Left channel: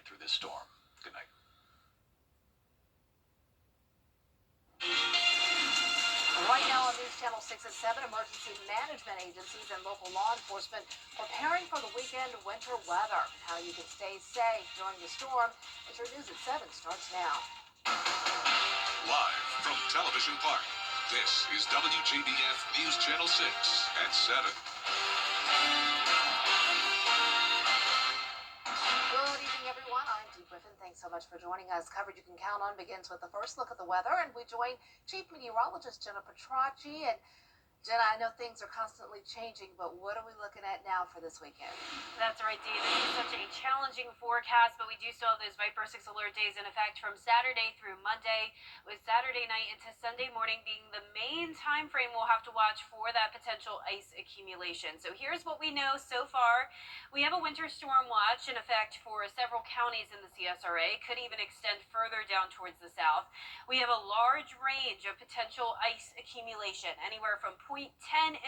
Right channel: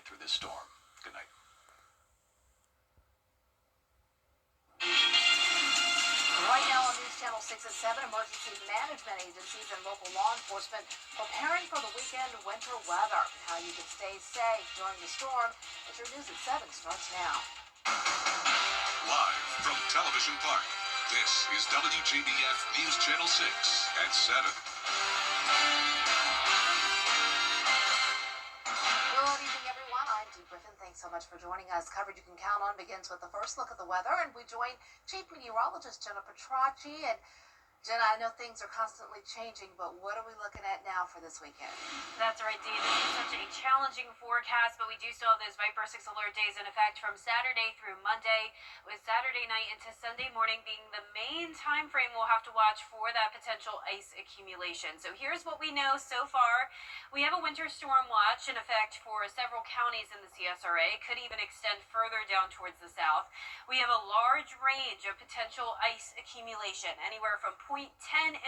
get through this storm. Good night. Right now on News Channel 6 at 7, emergency management agencies and local law enforcement preparing for the weekend winter weather. How you can stay safe during the storm. It's your News at 7 starts now. Live from Television Park, this is WJBF News Channel 6 at 7. Good evening, everyone. I'm Dee Griffin. Thanks so much for joining us. Coverage you can count on begins with the first look at the weather, and we join Chief Meteorologist Jenna Petracci. And Jenna, I know things are constantly changing, but what are we looking at now for this weekend? That's right, Dee. This is such a challenging forecast, but we do still have those Viper 6 alert days in effect from Saturday through Monday, with Saturday night into Sunday morning being the main time frame we'll have to watch for that potential ice accumulation. So here's what we know so far. We have a winter storm watch in effect for several counties in the CSRA, could even extend further down towards the south. We have a large range of potential ice accumulation, anywhere from 0.10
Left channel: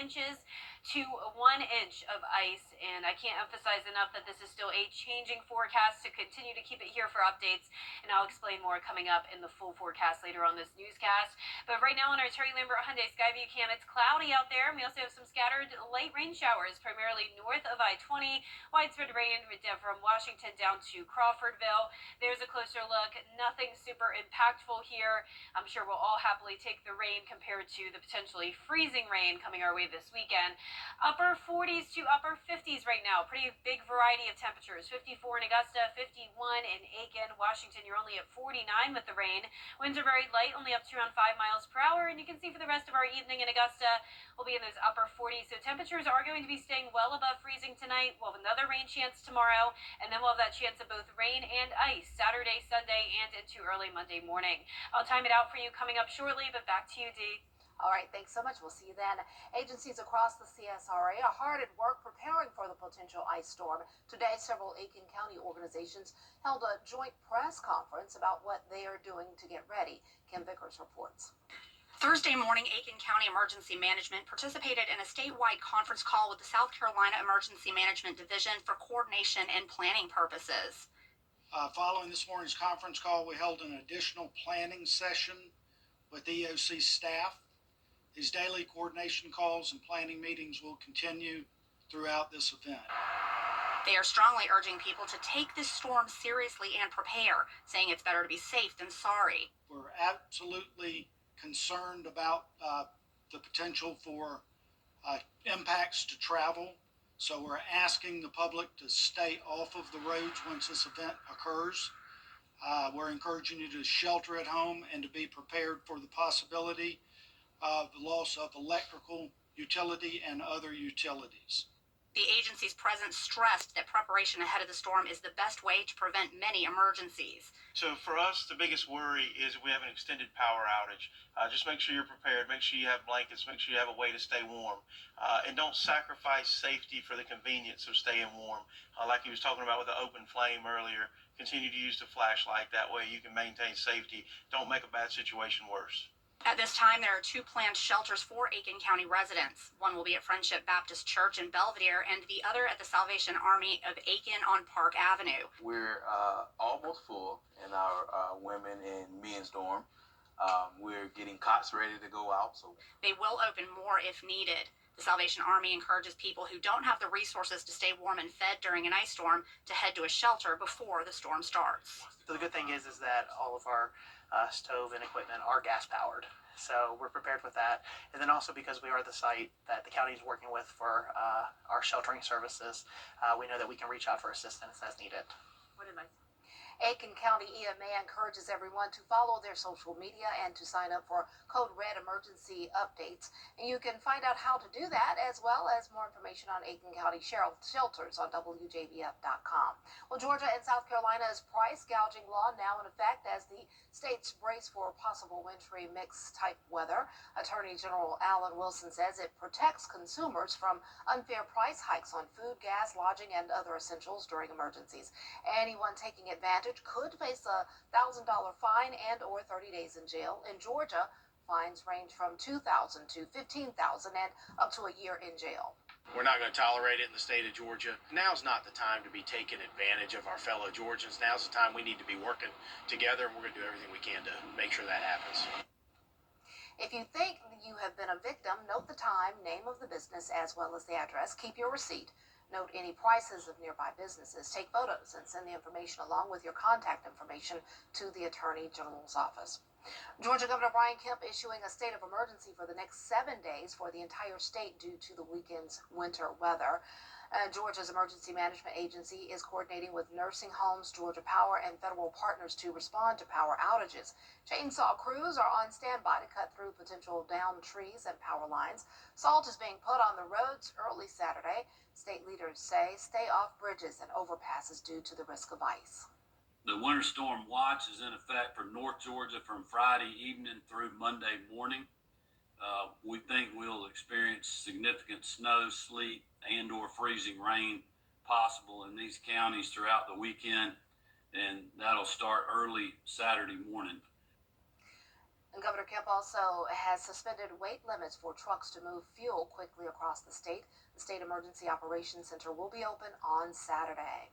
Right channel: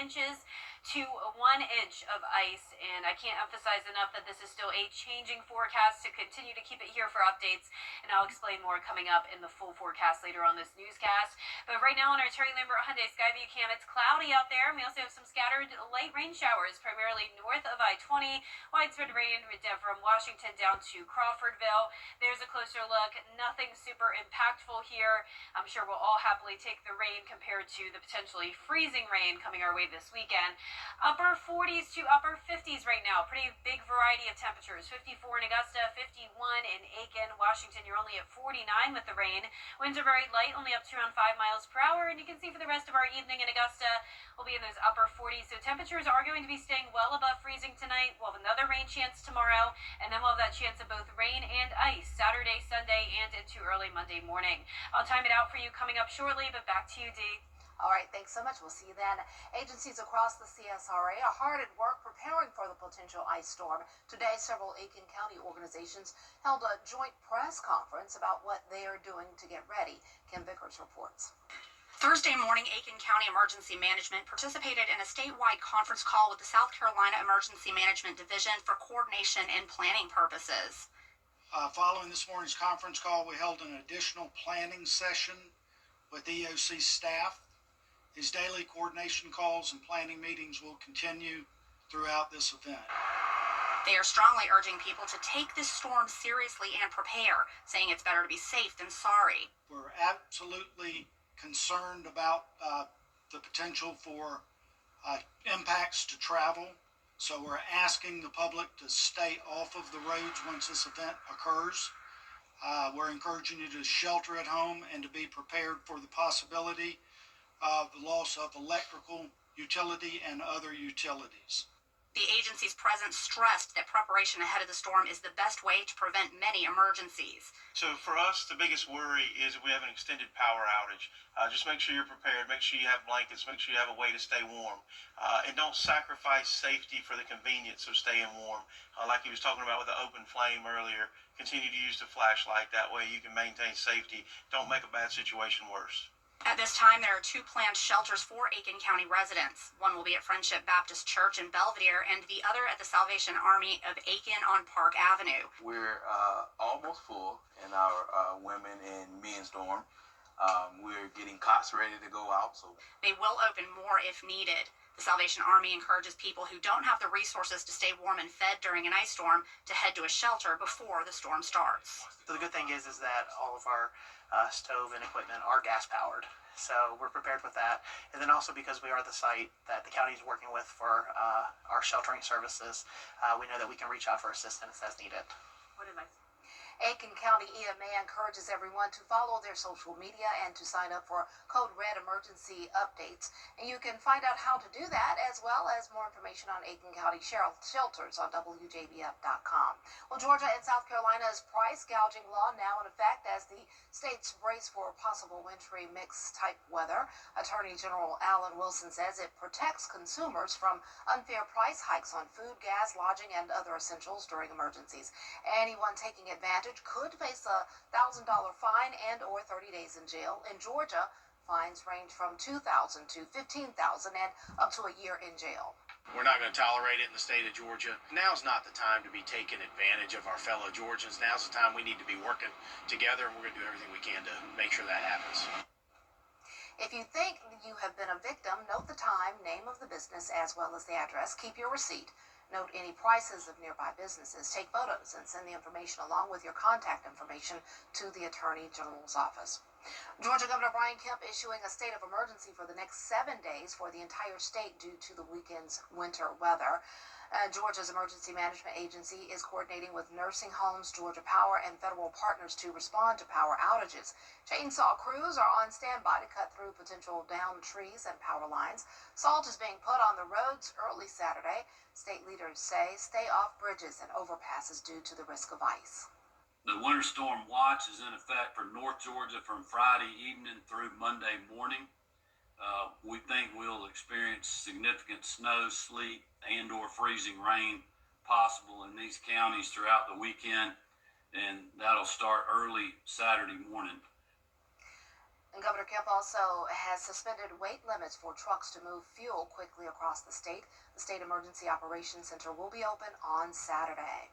inches to 1 inch of ice, and I can't emphasize enough that this is still a changing forecast. To continue to keep it here for updates, and I'll explain more coming up in the full forecast later on this newscast. But right now on our Terry Lambert Hyundai Skyview cam, it's cloudy out there, and we also have some scattered light rain showers, primarily north of I-20. Widespread rain from Washington down to Crawfordville. There's a closer look. Nothing super impactful here. I'm sure we'll all happily take the rain compared to the potentially freezing rain coming our way this weekend. Upper 40s to upper 50s right now. Pretty big variety of temperatures. 54 in Augusta, 51 in Aiken. Washington, you're only at 49 with the rain. Winds are very light, only up to around 5 miles per hour. And you can see for the rest of our evening in Augusta, we'll be in those upper 40s. So temperatures are going to be staying well above freezing tonight. We'll have another rain chance tomorrow. And then we'll have that chance of both rain and ice Saturday, Sunday, and into early Monday morning. I'll time it out for you coming up shortly, but back to you, Dee. All right, thanks so much. We'll see you then. Agencies across the CSRA are hard at work preparing for the potential ice storm. Today, several Aiken County organizations held a joint press conference about what they are doing to get ready. Kim Vickers reports. Thursday morning, Aiken County Emergency Management participated in a statewide conference call with the South Carolina Emergency Management Division for coordination and planning purposes. Following this morning's conference call, we held an additional planning session with EOC staff. These daily coordination calls and planning meetings will continue throughout this event. They are strongly urging people to take this storm seriously and prepare, saying it's better to be safe than sorry. We're absolutely concerned about the potential for impacts to travel, so we're asking the public to stay off of the roads once this event occurs. We're encouraging you to shelter at home and to be prepared for the possibility of the loss of electrical, utility, and other utilities. The agency's president stressed that preparation ahead of the storm is the best way to prevent many emergencies. So for us, the biggest worry is if we have an extended power outage. Just make sure you're prepared. Make sure you have blankets. Make sure you have a way to stay warm. And don't sacrifice safety for the convenience of staying warm. Like he was talking about with the open flame earlier, continue to use the flashlight. That way you can maintain safety. Don't make a bad situation worse. At this time, there are 2 planned shelters for Aiken County residents. One will be at Friendship Baptist Church in Belvedere, and the other at the Salvation Army of Aiken on Park Avenue. We're almost full in our women and men's dorm. We're getting cots ready to go out. So they will open more if needed. The Salvation Army encourages people who don't have the resources to stay warm and fed during an ice storm to head to a shelter before the storm starts. So the good thing is that all of our stove and equipment are gas powered, so we're prepared with that. And then also because we are the site that the county is working with for our sheltering services, we know that we can reach out for assistance as needed. What advice? Aiken County EMA encourages everyone to follow their social media and to sign up for Code Red emergency updates. And you can find out how to do that, as well as more information on Aiken County shelters on WJBF.com. Well, Georgia and South Carolina's price gouging law now in effect as the states brace for possible wintry mixed type weather. Attorney General Alan Wilson says it protects consumers from unfair price hikes on food, gas, lodging, and other essentials during emergencies. Anyone taking advantage could face a $1,000 fine and or 30 days in jail. In Georgia, fines range from $2,000 to $15,000 and up to a year in jail. We're not going to tolerate it in the state of Georgia. Now's not the time to be taking advantage of our fellow Georgians. Now's the time we need to be working together, and we're going to do everything we can to make sure that happens. If you think you have been a victim, note the time, name of the business, as well as the address. Keep your receipt. Note any prices of nearby businesses. Take photos and send the information along with your contact information to the Attorney General's office. Georgia Governor Brian Kemp issuing a state of emergency for the next 7 days for the entire state due to the weekend's winter weather. Georgia's Emergency Management Agency is coordinating with nursing homes, Georgia Power, and federal partners to respond to power outages. Chainsaw crews are on standby to cut through potential downed trees and power lines. Salt is being put on the roads early Saturday. State leaders say stay off bridges and overpasses due to the risk of ice. The winter storm watch is in effect for North Georgia from Friday evening through Monday morning. We think we'll experience significant snow, sleet, and/or freezing rain possible in these counties throughout the weekend, and that'll start early Saturday morning. And Governor Kemp also has suspended weight limits for trucks to move fuel quickly across the state. The State Emergency Operations Center will be open on Saturday.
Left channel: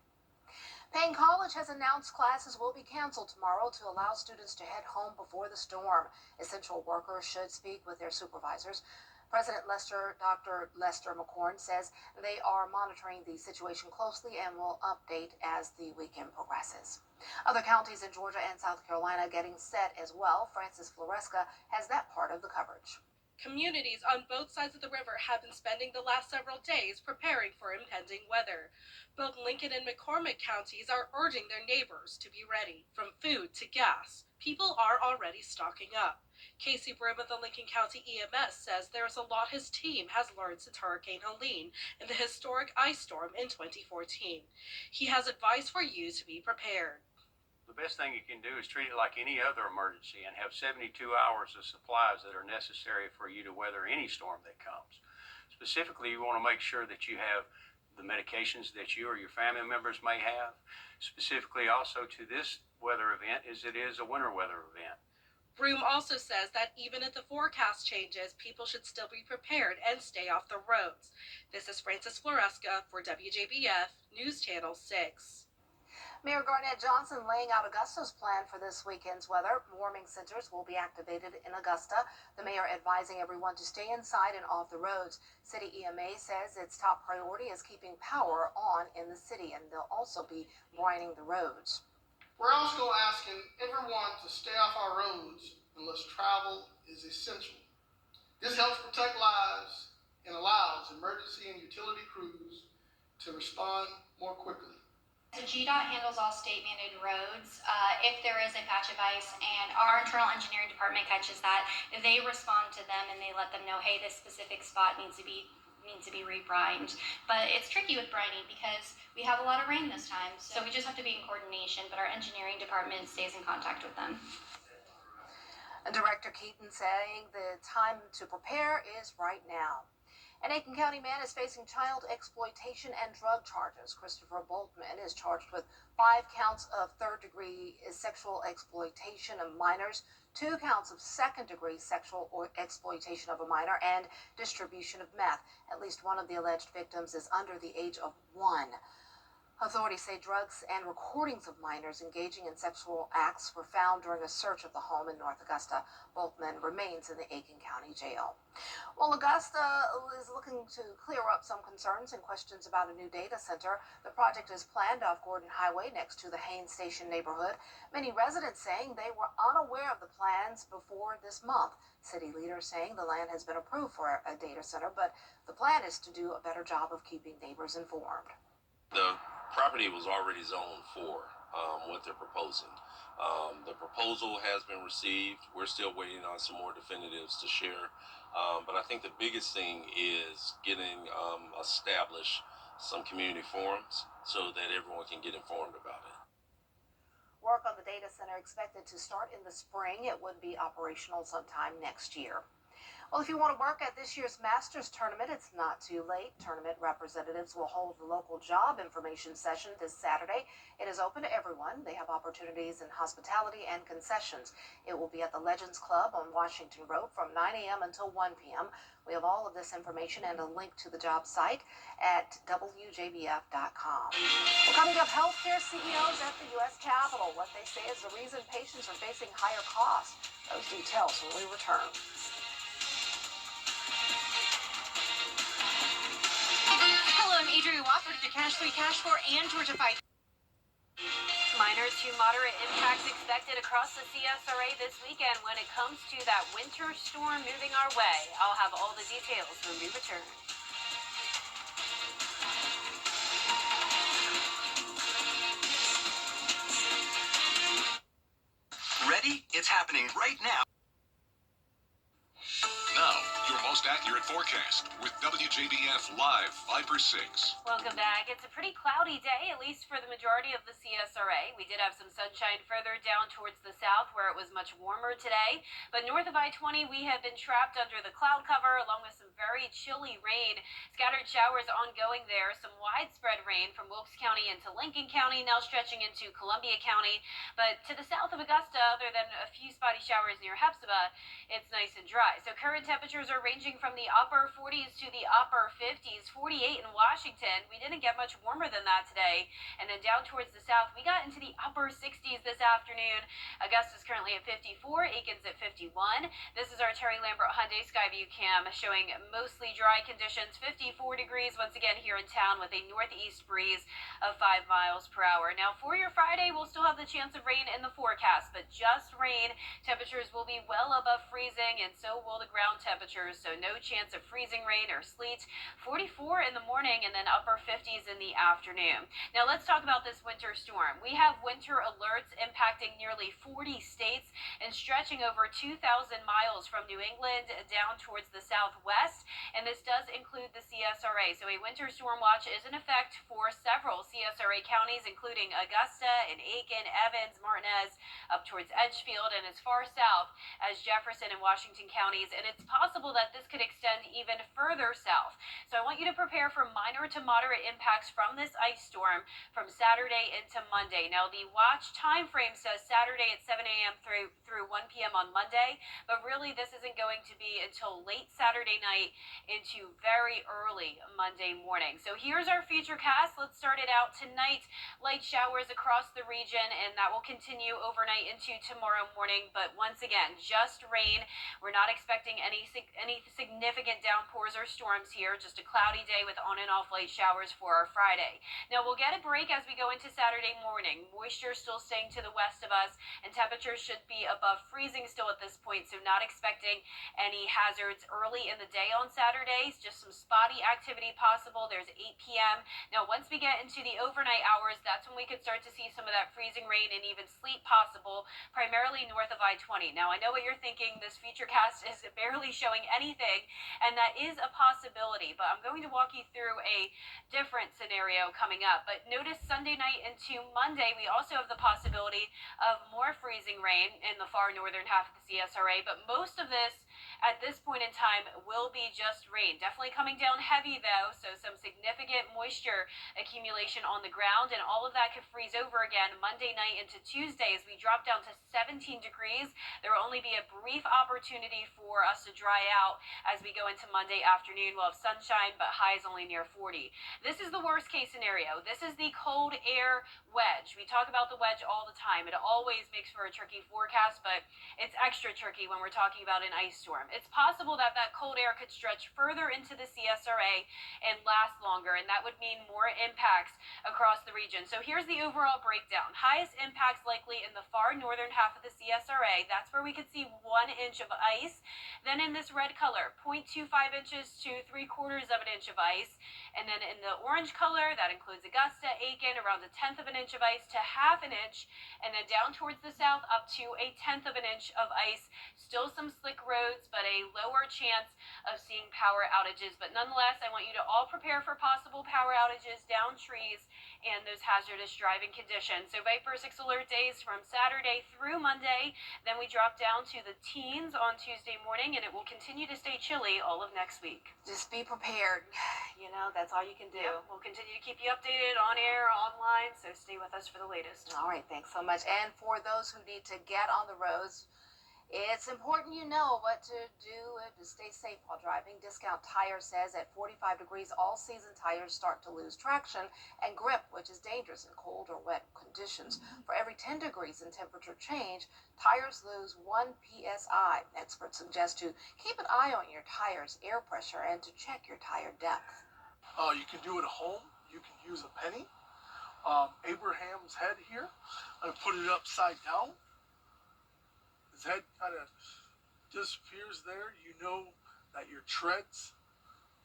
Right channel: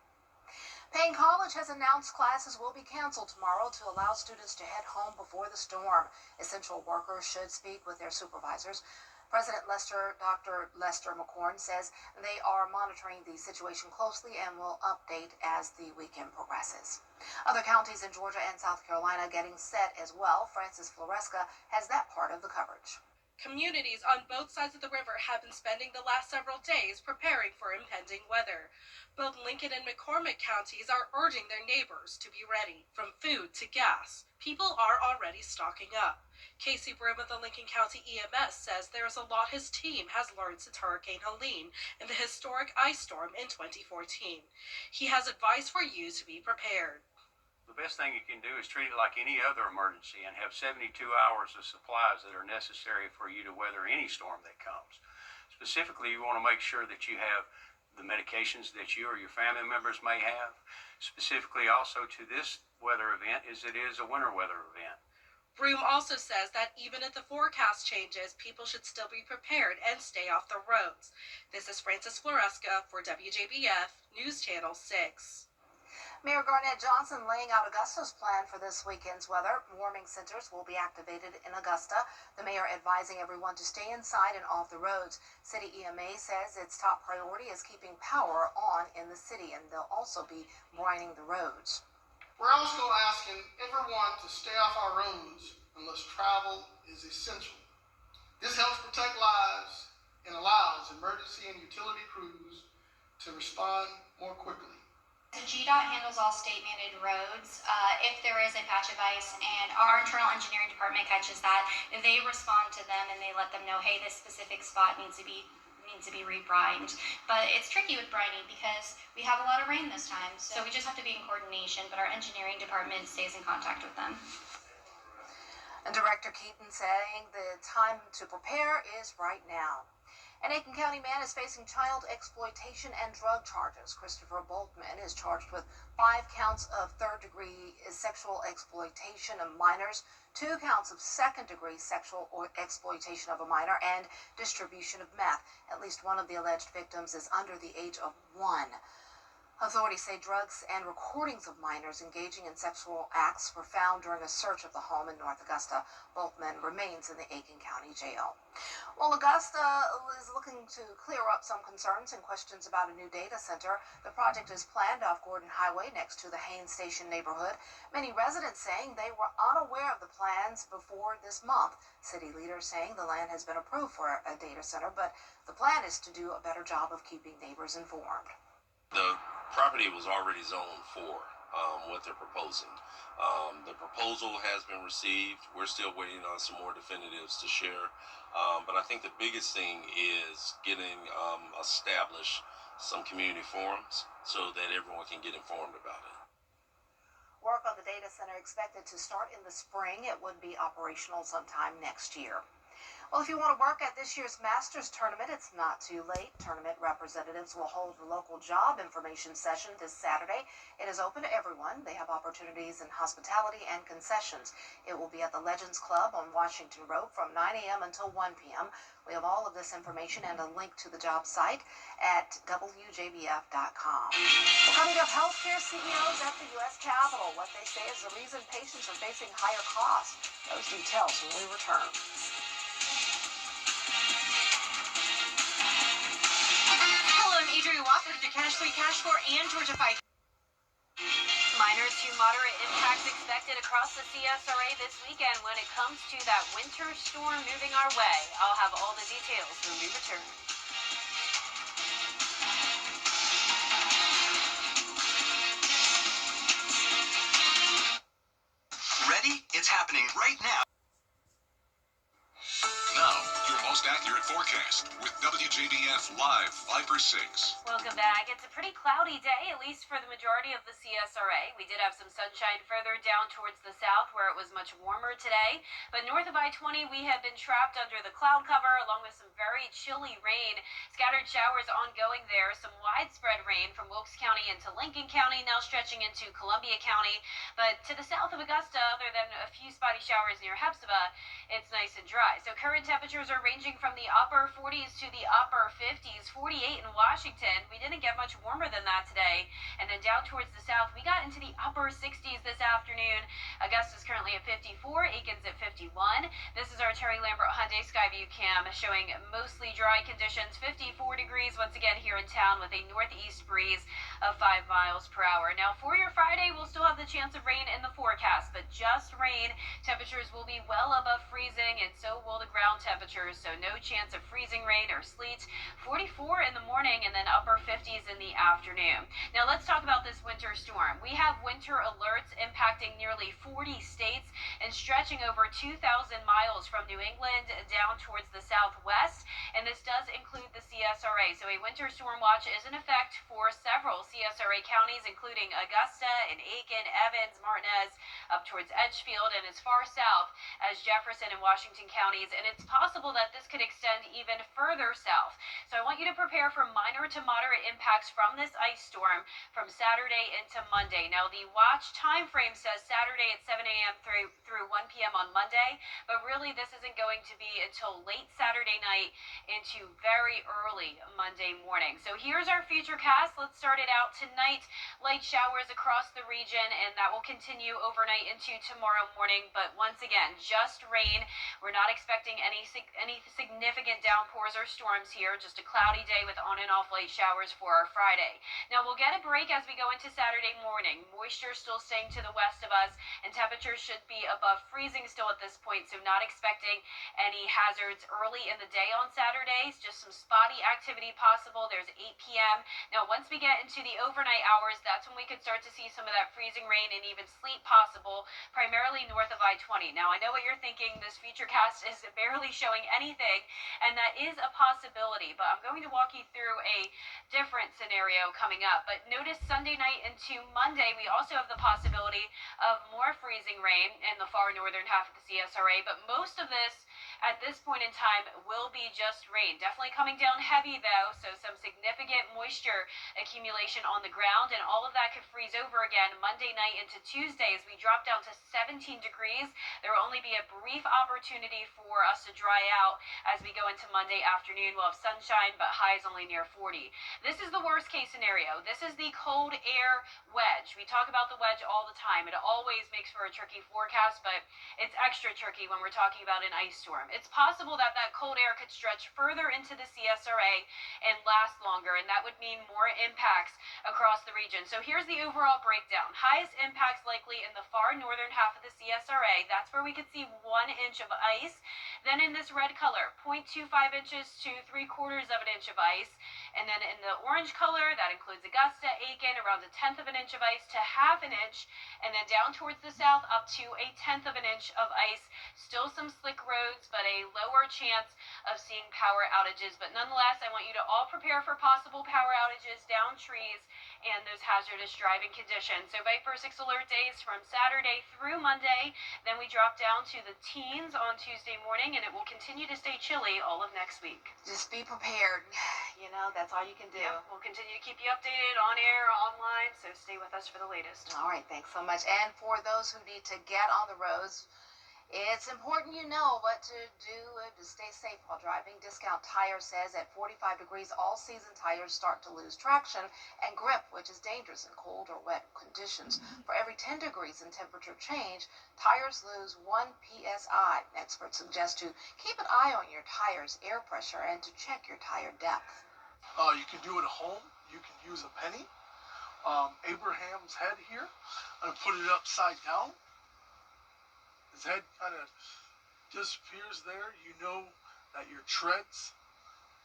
Payne College has announced classes will be canceled tomorrow to allow students to head home before the storm. Essential workers should speak with their supervisors. President Dr. Lester McCorn says they are monitoring the situation closely and will update as the weekend progresses. Other counties in Georgia and South Carolina getting set as well. Francis Floresca has that part of the coverage. Communities on both sides of the river have been spending the last several days preparing for impending weather. Both Lincoln and McCormick counties are urging their neighbors to be ready. From food to gas, people are already stocking up. Casey Brim of the Lincoln County EMS says there is a lot his team has learned since Hurricane Helene and the historic ice storm in 2014. He has advice for you to be prepared. The best thing you can do is treat it like any other emergency and have 72 hours of supplies that are necessary for you to weather any storm that comes. Specifically, you want to make sure that you have the medications that you or your family members may have. Specifically also to this weather event is it is a winter weather event. Broom also says that even if the forecast changes, people should still be prepared and stay off the roads. This is Francis Floresca for WJBF News Channel 6. Mayor Garnett Johnson laying out Augusta's plan for this weekend's weather. Warming centers will be activated in Augusta. The mayor advising everyone to stay inside and off the roads. City EMA says its top priority is keeping power on in the city, and they'll also be brining the roads. We're also asking everyone to stay off our roads unless travel is essential. This helps protect lives and allows emergency and utility crews to respond more quickly. So GDOT handles all state-mandated roads. If there is a patch of ice and our internal engineering department catches that, they respond to them and they let them know, hey, this specific spot needs to be rebrined. But it's tricky with brining because we have a lot of rain this time, so we just have to be in coordination, but our engineering department stays in contact with them. And Director Keaton saying the time to prepare is right now. An Aiken County man is facing child exploitation and drug charges. Christopher Boltman is charged with 5 counts of third-degree sexual exploitation of minors, 2 counts of second-degree sexual exploitation of a minor, and distribution of meth. At least one of the alleged victims is under the age of 1. Authorities say drugs and recordings of minors engaging in sexual acts were found during a search of the home in North Augusta. Boltman remains in the Aiken County Jail. Well, Augusta is looking to clear up some concerns and questions about a new data center. The project is planned off Gordon Highway next to the Haines Station neighborhood. Many residents saying they were unaware of the plans before this month. City leaders saying the land has been approved for a data center, but the plan is to do a better job of keeping neighbors informed. The property was already zoned for what they're proposing. The proposal has been received. We're still waiting on some more definitives to share. But I think the biggest thing is getting established some community forums so that everyone can get informed about it. Work on the data center expected to start in the spring. It would be operational sometime next year. Well, if you want to work at this year's Masters tournament, it's not too late. Tournament representatives will hold a local job information session this Saturday. It is open to everyone. They have opportunities in hospitality and concessions. It will be at the Legends Club on Washington Road from 9 a.m. until 1 p.m. We have all of this information and a link to the job site at WJBF.com. Well, coming up, healthcare CEOs at the U.S. Capitol. What they say is the reason patients are facing higher costs. Those details when we return. Hello, I'm Adrienne Wofford at the Cash 3, Cash 4, and Georgia 5. Minor to moderate impacts expected across the CSRA this weekend when it comes to that winter storm moving our way. I'll have all the details when we return. Ready? It's happening right now. Now, your most accurate forecast with WJBF Live 5 for 6. Welcome back. It's a pretty cloudy day, at least for the majority of the CSRA. We did have some sunshine further down towards the south where it was much warmer today. But north of I-20, we have been trapped under the cloud cover along with some very chilly rain. Scattered showers ongoing there. Some widespread rain from Wilkes County into Lincoln County, now stretching into Columbia County. But to the south of Augusta, other than a few spotty showers near Hepzibah, it's nice and dry. So current temperatures are ranging from the upper 40s to the upper 50s, 48 in Washington. We didn't get much warmer than that today. And then down towards the south, we got into the upper 60s this afternoon. Augusta's currently at 54, Aiken's at 51. This is our Terry Lambert Hyundai Skyview cam showing mostly dry conditions, 54 degrees once again here in town with a northeast breeze of 5 miles per hour. Now for your Friday, we'll still have the chance of rain in the forecast, but just rain. Temperatures will be well above freezing, and so will the ground temperatures, so no chance of freezing rain or sleet. 44 in the morning and then upper 50s in the afternoon. Now let's talk about this winter storm. We have winter alerts impacting nearly 40 states and stretching over 2,000 miles from New England down towards the southwest, and this does include the CSRA. So a winter storm watch is in effect for several CSRA counties, including Augusta and Aiken, Evans, Martinez, up towards Edgefield, and as far south as Jefferson and Washington counties, and it's possible that this could extend even further south. So I want you to prepare for minor to moderate impacts from this ice storm from Saturday into Monday. Now the watch time frame says Saturday at 7 a.m. through 1 p.m. on Monday, but really this isn't going to be until late Saturday night into very early Monday morning. So here's our futurecast. Let's start it out tonight. Light showers across the region, and that will continue overnight into tomorrow morning, but once again, just rain. We're not expecting any significant downpours or storms here, just a cloudy day with on and off light showers for our Friday. Now we'll get a break as we go into Saturday morning. Moisture still staying to the west of us, and temperatures should be above freezing still at this point, so not expecting any hazards early in the day on Saturdays, just some spotty activity possible. There's 8 p.m. Now once we get into the overnight hours, that's when we could start to see some of that freezing rain and even sleet possible, primarily north of I-20. Now I know what you're thinking, this futurecast is barely showing anything, and that is a possibility, but I'm going to walk you through a different scenario coming up. But notice Sunday night into Monday, we also have the possibility of more freezing rain in the far northern half of the CSRA, but most of this at this point in time will be just rain. Definitely coming down heavy though, so some significant moisture accumulation on the ground, and all of that could freeze over again Monday night into Tuesday as we drop down to 17 degrees. There will only be a brief opportunity for us to dry out as we go into Monday afternoon. We'll have sunshine, but highs only near 40. This is the worst case scenario. This is the cold air wedge. We talk about the wedge all the time. It always makes for a tricky forecast, but it's extra tricky when we're talking about an ice storm. It's possible that that cold air could stretch further into the CSRA and last longer, and that would mean more impacts across the region. So here's the overall breakdown. Highest impacts likely in the far northern half of the CSRA. That's where we could see 1 inch of ice. Then in this red color, 0.25 inches to 3/4 of an inch of ice. And then in the orange color, that includes Augusta, Aiken, around 1/10 of an inch of ice to 1/2 inch. And then down towards the south, up to 1/10 of an inch of ice. Still some slick roads, but a lower chance of seeing power outages. But nonetheless, I want you to all prepare for possible power outages, down trees, and those hazardous driving conditions. So Viper 6 alert days from Saturday through Monday. Then we drop down to the teens on Tuesday morning, and it will continue to stay chilly all of next week. Just be prepared. You know, that's all you can do. Yep. We'll continue to keep you updated on air, online, so stay with us for the latest. All right, thanks so much. And for those who need to get on the roads, it's important you know what to do to stay safe while driving. Discount Tire says at 45 degrees, all-season tires start to lose traction and grip, which is dangerous in cold or wet conditions. For every 10 degrees in temperature change, tires lose 1 psi. Experts suggest to keep an eye on your tire's air pressure and to check your tire depth. You can do it at home. You can use a penny. Abraham's head here. I put it upside down. His head kind of disappears there. You know that your treads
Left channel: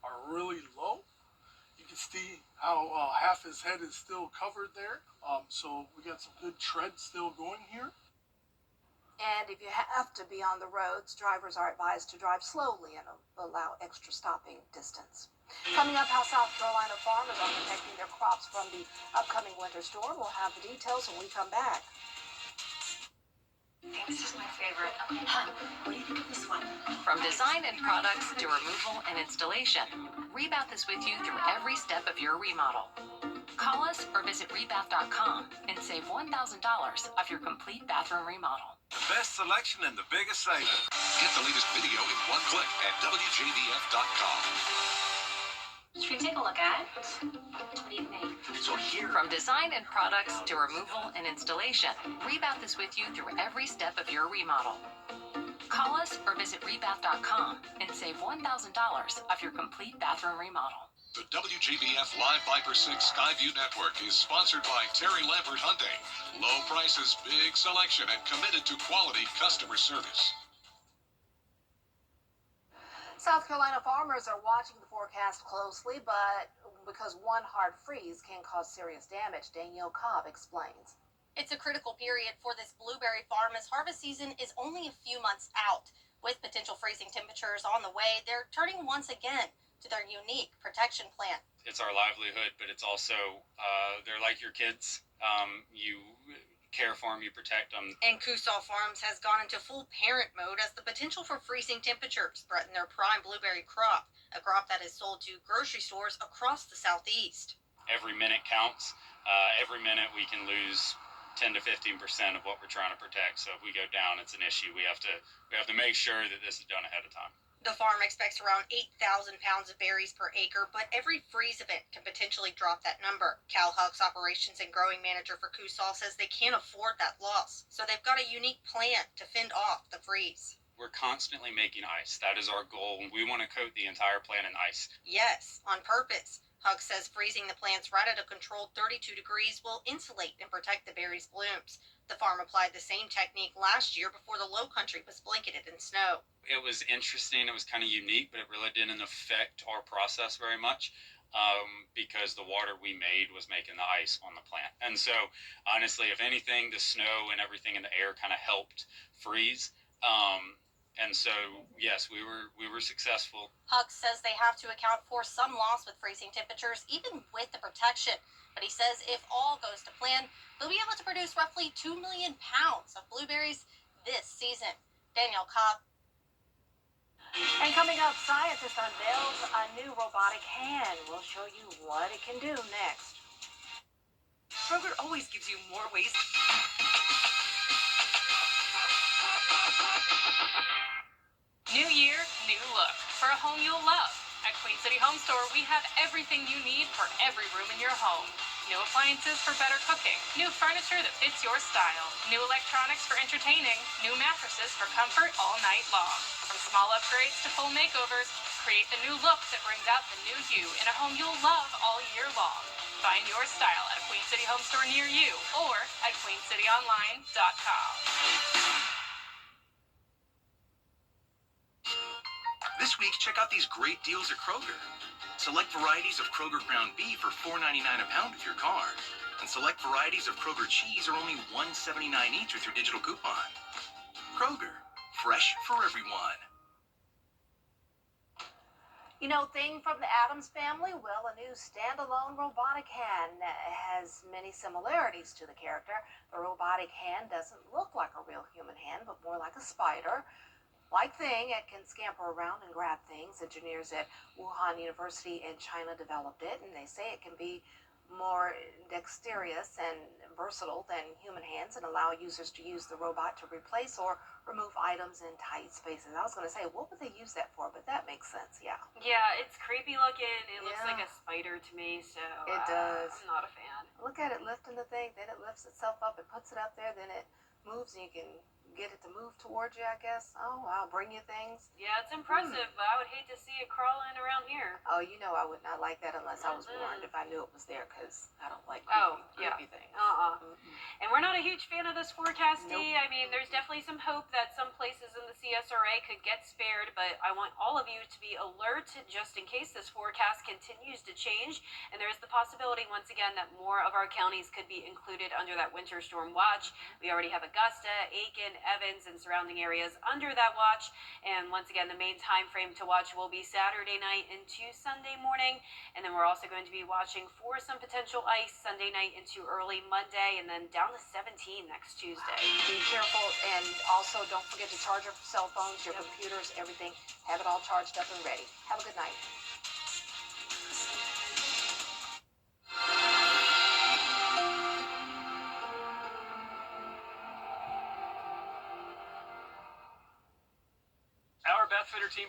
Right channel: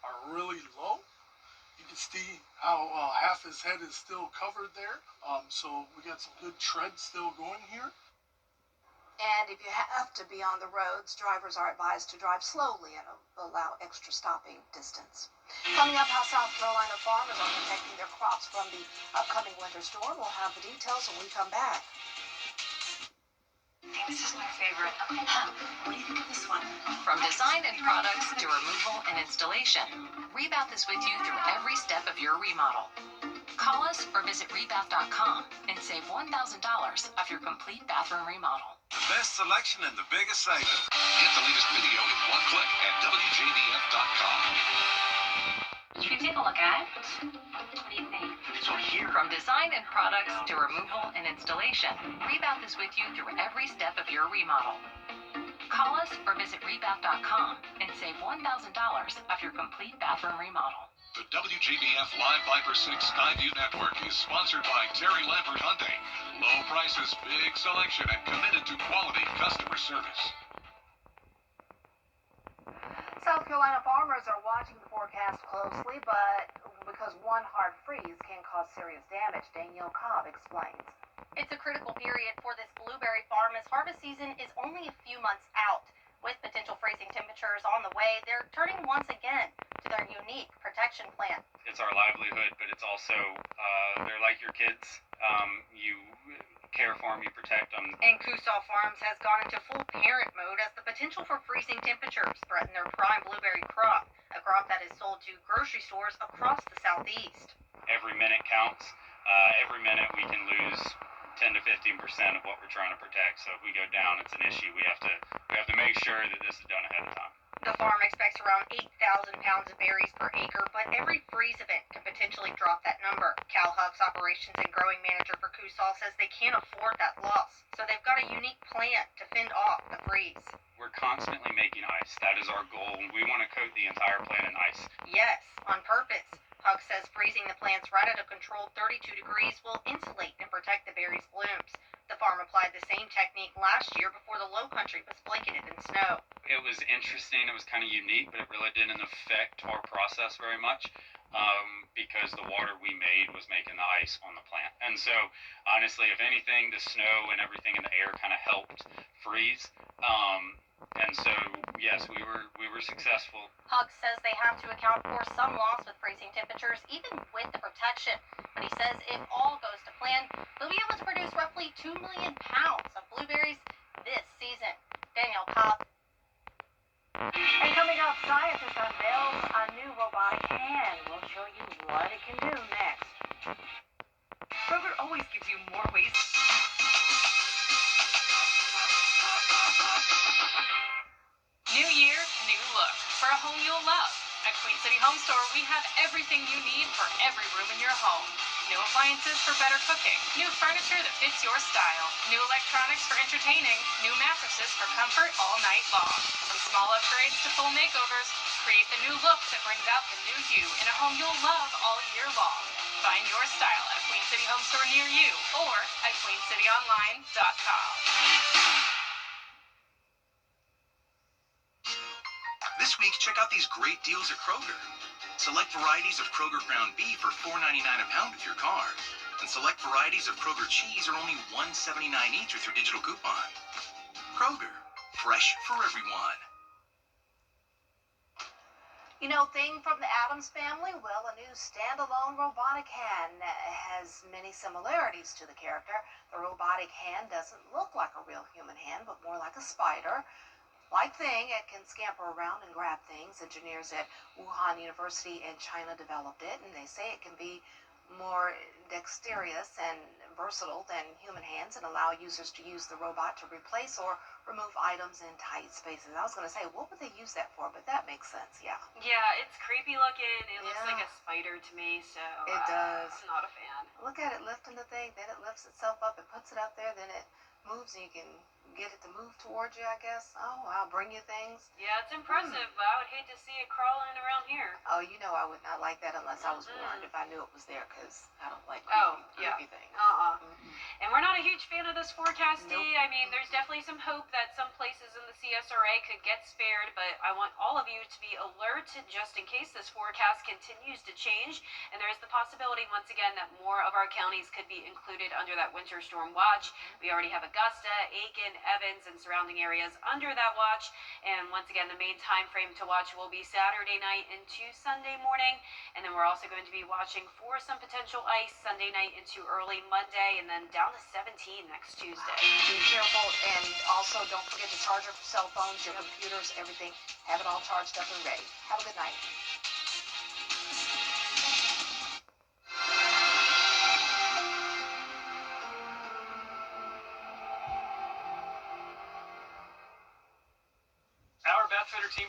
are really low. You can see how half his head is still covered there. So we got some good tread still going here. And if you have to be on the roads, drivers are advised to drive slowly and allow extra stopping distance. Coming up, how South Carolina farmers are protecting their crops from the upcoming winter storm. We'll have the details when we come back. Hey, this is my favorite. What do you think of this one? From design and products to removal and installation, Rebath is with you through every step of your remodel. Call us or visit rebath.com and save $1,000 off your complete bathroom remodel. The best selection and the biggest savings. Get the latest video in one click at WJBF.com. You can take a look at. What do you think? So here. From design and products to removal and installation, Rebath is with you through every step of your remodel. Call us or visit rebath.com and save $1,000 off your complete bathroom remodel. The WJBF Live Viper 6 Skyview Network is sponsored by Terry Lambert Hyundai. Low prices, big selection, and committed to quality customer service. South Carolina farmers are watching the forecast closely, but because one hard freeze can cause serious damage, Danielle Cobb explains. It's a critical period for this blueberry farm as harvest season is only a few months out. With potential freezing temperatures on the way, they're turning once again to their unique protection plan. It's our livelihood, but it's also, they're like your kids. You care for them, you protect them. And Coosaw Farms has gone into full parent mode as the potential for freezing temperatures threaten their prime blueberry crop, a crop that is sold to grocery stores across the southeast. Every minute counts. Every minute we can lose 10 to 15% of what we're trying to protect. So if we go down, it's an issue. We have to make sure that this is done ahead of time. The farm expects around 8,000 pounds of berries per acre, but every freeze event can potentially drop that number. Cal Huck's operations and growing manager for Coosaw says they can't afford that loss, so they've got a unique plan to fend off the freeze. We're constantly making ice. That is our goal. We want to coat the entire plant in ice. Yes, on purpose. Huck says freezing the plants right at a controlled 32 degrees will insulate and protect the berries' blooms. The farm applied the same technique last year before the low country was blanketed in snow. It was interesting. It was kind of unique, but it really didn't affect our process very much because the water we made was making the ice on the plant. And so, honestly, if anything, the snow and everything in the air kind of helped freeze. And so, yes, we were successful. Huck says they have to account for some loss with freezing temperatures, even with the protection. But he says if all goes to plan, they'll be able to produce roughly 2 million pounds of blueberries this season. Danielle Cobb. And coming up, scientists unveils a new robotic hand. We'll show you what it can do next. Kroger always gives you more ways. New year, new look. For a home you'll love. At Queen City Home Store, we have everything you need for every room in your home. New appliances for better cooking. New furniture that fits your style. New electronics for entertaining. New mattresses for comfort all night long. From small upgrades to full makeovers, create the new look that brings out the new you in a home you'll love all year long. Find your style at a Queen City Home Store near you or at queencityonline.com. This week, check out these great deals at Kroger. Select varieties of Kroger ground beef for $4.99 a pound with your card. And select varieties of Kroger cheese are only $1.79 each with your digital coupon. Kroger, fresh for everyone. You know, thing from the Addams Family? Well, a new standalone robotic hand has many similarities to the character. The robotic hand doesn't look like a real human hand, but more like a spider. Like Thing, it can scamper around and grab things. Engineers at Wuhan University in China developed it, and they say it can be more dexterous and versatile than human hands and allow users to use the robot to replace or remove items in tight spaces. I was going to say, what would they use that for? But that makes sense, yeah. Yeah, it's creepy looking. It looks like a spider to me, so It does. I'm not a fan. Look at it lifting the thing, then it lifts itself up and puts it up there, then it moves and you can get it to move towards you, I guess. Oh, wow, bring you things. Yeah, it's impressive, but I would hate to see it crawling around here. Oh, you know I would not like that unless I was warned, if I knew it was there, because I don't like creepy things. And we're not a huge fan of this forecast, Dee. I mean, there's definitely some hope that some places in the CSRA could get spared, but I want all of you to be alert just in case this forecast continues to change. And there is the possibility, once again, that more of our counties could be included under that winter storm watch. We already have Augusta, Aiken, Evans, and surrounding areas under that watch. And once again, the main time frame to watch will be Saturday night into Sunday morning. And then we're also going to be watching for some potential ice Sunday night into early Monday, and then down to 17 next Tuesday. Be careful, and also don't forget to charge your cell phones, your computers, everything. Have it all charged up and ready. Have a good night. Our Beth Fitter team